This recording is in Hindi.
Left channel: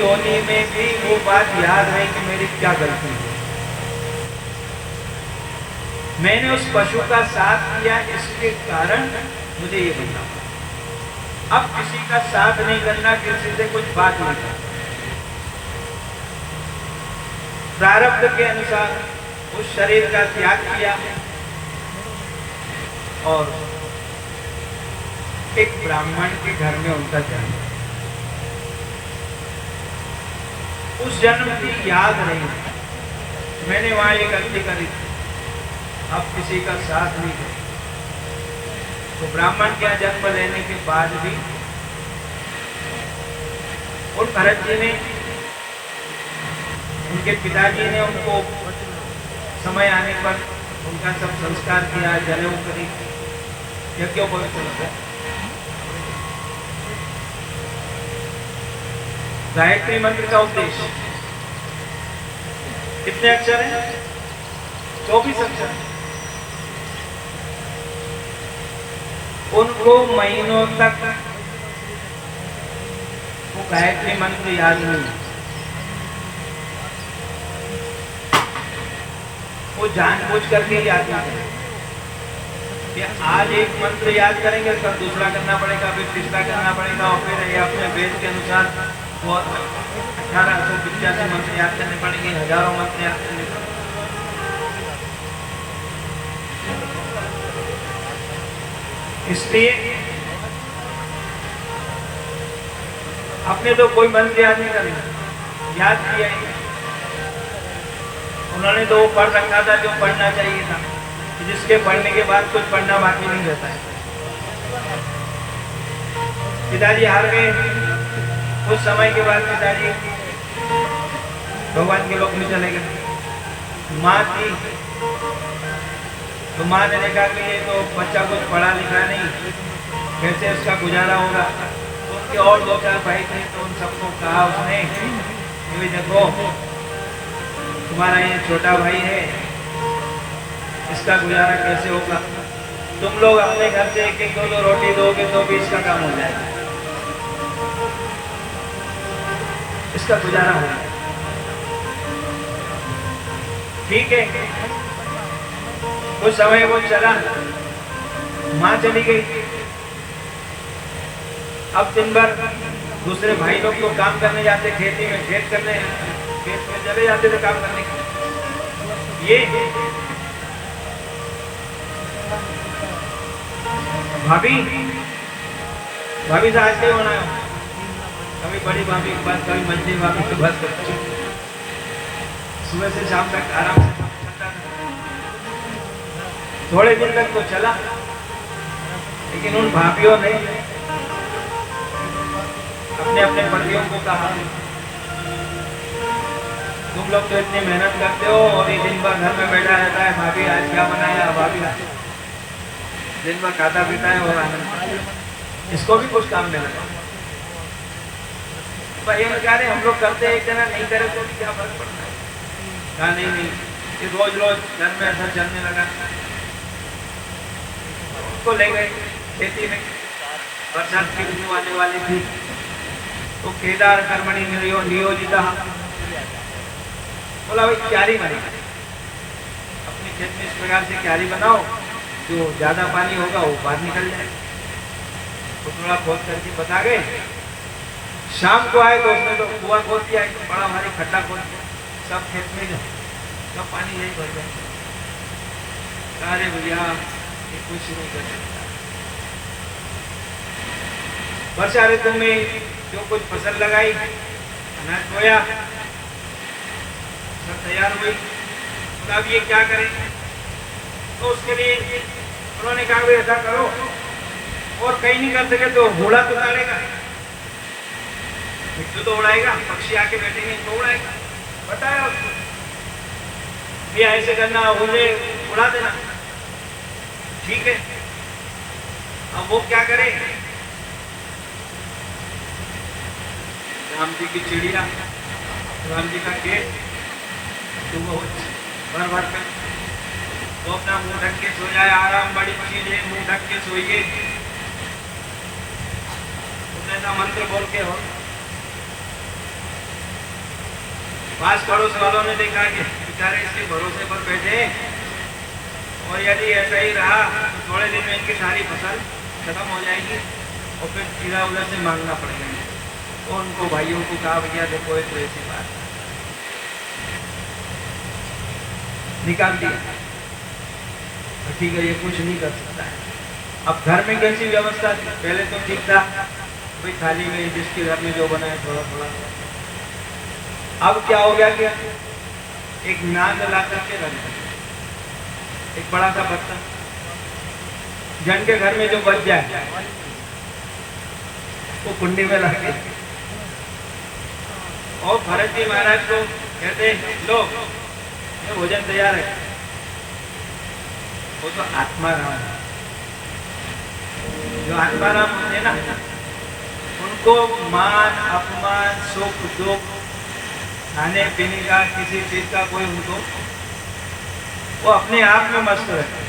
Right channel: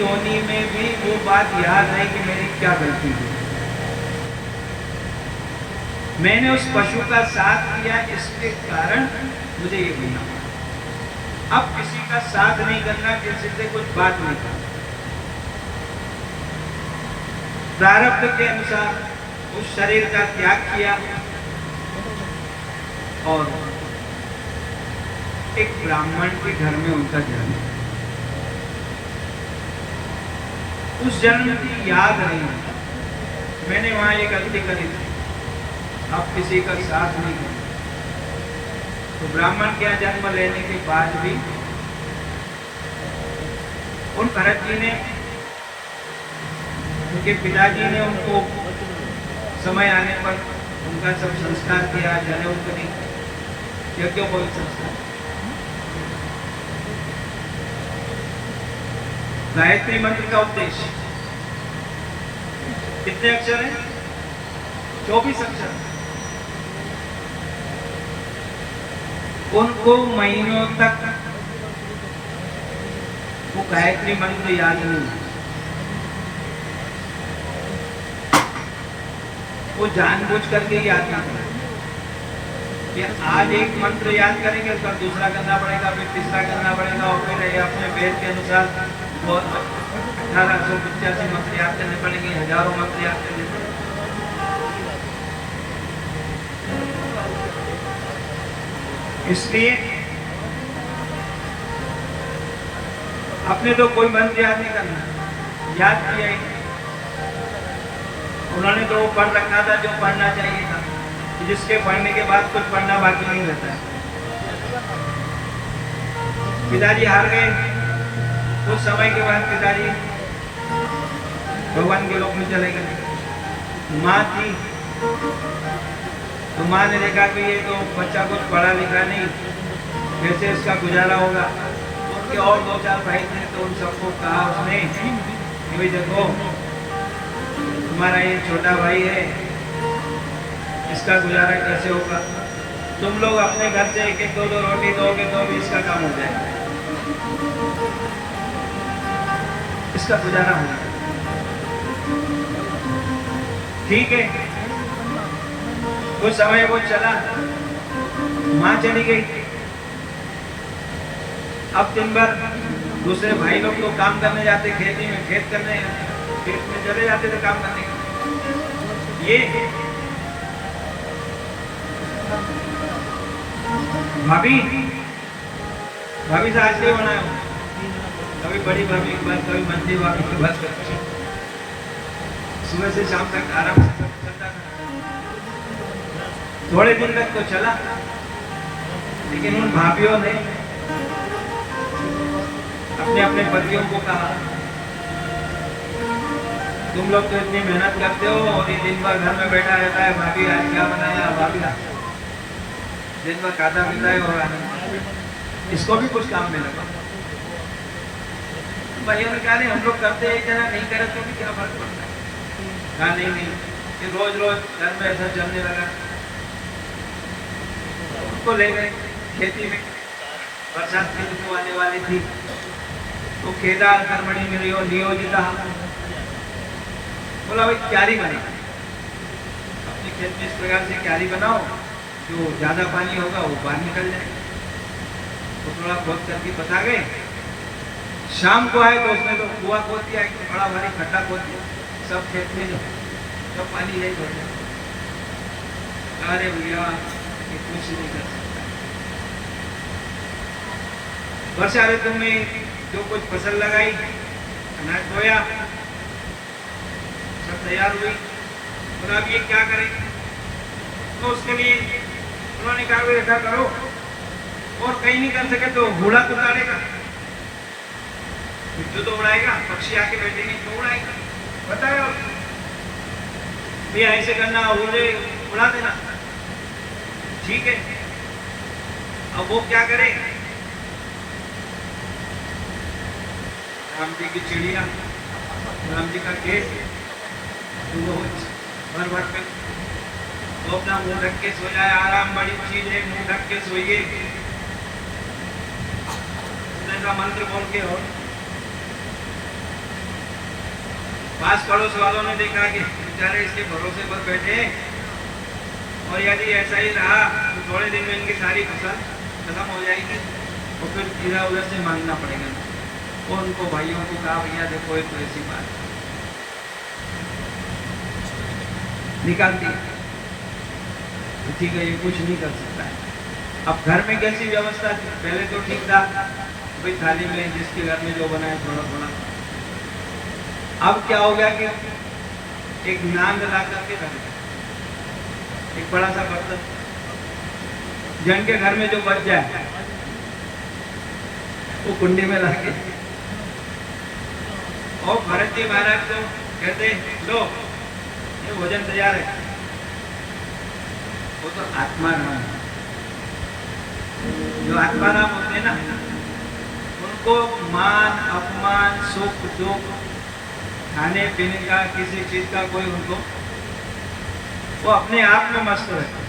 योनि में भी वो बात याद नहीं कि मेरी क्या गलती थी। मैंने उस पशु का साथ किया, इसके कारण मुझे ये मिला। अब किसी का साथ नहीं करना, किसी से कुछ बात नहीं करना, प्रारब्ध के अनुसार उस शरीर का त्याग किया और एक ब्राह्मण के घर में उनका जन्म। उस जन्म की याद रही, मैंने वहां एक गलती करी थी, अब किसी का साथ नहीं है। तो ब्राह्मण का जन्म लेने के बाद भी उन भरत जी ने, उनके पिताजी ने उनको समय आने पर उनका सब संस्कार किया, जनेऊ करी, यज्ञोपवीत। गायत्री मंत्र का उद्देश्य कितने अक्षर हैं? 24 अक्षर। उनको महीनों तक वो गायत्री मंत्र याद नहीं। वो जानबूझ करके याद नहीं करें कि आज एक मंत्र याद करेंगे, फिर दूसरा करना पड़ेगा, फिर तीसरा करना पड़ेगा, और फिर अपने वेद के अनुसार वो 1885 मंत्र याद करने पड़ेंगे, हजारों मंत्र याद करने पड़ेंगे। इसलिए अपने तो कोई मंत्र याद नहीं करना, याद किया ही। उन्होंने तो वो पढ़ रखा था जो पढ़ना चाहिए था, कि जिसके पढ़ने के बाद कुछ पढ़ना बाकी नहीं रहता है। पिताजी हार गए। कुछ समय के बाद पिताजी भगवान के लोक में चले गए। माँ थी तो माँ ने देखा कि ये तो बच्चा कुछ पढ़ा लिखा नहीं, कैसे उसका गुजारा होगा। तो उनके और 2-4 भाई थे, तो उन सबको कहा उसने कि देखो तुम्हारा ये छोटा भाई है, इसका गुजारा कैसे होगा? तुम लोग अपने घर से एक एक दो रोटी दोगे तो भी इसका काम हो जाएगा, इसका गुजारा हो जाएगा। ठीक है। कुछ समय वो चला, माँ चली गई। अब दिन भर दूसरे भाई लोग तो काम करने जाते, खेती में, खेत में चले जाते थे काम करने के। ये भाभी से आज नहीं होना है। अभी बड़ी भाभी की बात करी, मंजिल भाभी की बात करी, सुबह से शाम तक आराम से थोड़े दिन तक तो चला, लेकिन उन भाभीयों ने अपने अपने पतियों को कहा तुम लोग तो इतनी मेहनत करते हो और एक दिन भर घर में बैठा रहता है, भाभी आज क्या बनाया, भाभी दिन भर खाता पीता है, और इसको भी कुछ काम नहीं लगा। भाइयों ने कहा हम लोग करते हैं कि ना, नहीं करे तो भी क्या फर्क पड़ता है? नहीं, ये रोज घर में ऐसा चलने लगा। उनको ले गए खेती में, बरसात के ऋतु आने वाली थी, तो खेता कर्मणि नियोजिता, बोला भाई क्यारी बने, अपने खेत में इस प्रकार से क्यारी बनाओ, जो ज्यादा पानी होगा वो बाहर निकल जाए। तो थोड़ा खोद करके बता गए। शाम को आए तो उसने तो कुआं खोद दिया, बड़ा भारी खड्डा खोद दिया, सब खेत में गए, सब पानी यही भर गया। अरे भैया ये कुछ नहीं कर, वर्षा ऋतु में जो कुछ फसल लगाई, मैं बोया, सब तैयार हुई, बोला अब ये क्या करें? तो उसके लिए उन्होंने कहा ऐसा करो, और कहीं नहीं कर सके तो घोड़ा तो उड़ाएगा, जो तो उड़ाएगा, पक्षी आके बैठेंगे तो उड़ाएगा, बता ये ऐसे करना, उड़े उड़ा देना। ठीक है, अब वो क्या करे? राम जी की चिड़िया, राम जी का खेत, तो वो भर के तो अपना मुंह ढक के सो जाए, आराम बड़ी चीज है, मुंह ढक के सोइए, जैसा मंत्र बोल के हो। पास पड़ोस वालों ने देखा कि बेचारे इसके भरोसे पर बैठे हैं और यदि ऐसा ही रहा तो थोड़े दिन में इनकी सारी फसल खत्म हो जाएगी और फिर जीरा हुए से मांगना पड़ेगा। तो उनको भाइयों को कहा भैया देखो एक तो ऐसी बात निकाल दी, ठीक है ये कुछ नहीं कर सकता। अब घर में कैसी व्यवस्था थी? पहले तो ठीक था, कोई थाली में जिसके घर में जो बना थोड़ा थोड़ा। अब क्या हो गया कि एक नांग ला करके बन गया, एक बड़ा सा बच्चा जन के घर में जो बच जाए वो कुंडी में ला के और भरत जी महाराज को कहते लो ये भोजन तैयार है। वो तो आत्मा नाम है, जो आत्मा नाम होते हैं ना उनको मान अपमान सुख दुख खाने पीने का किसी चीज का कोई उनको वो अपने आप में मस्त रहते।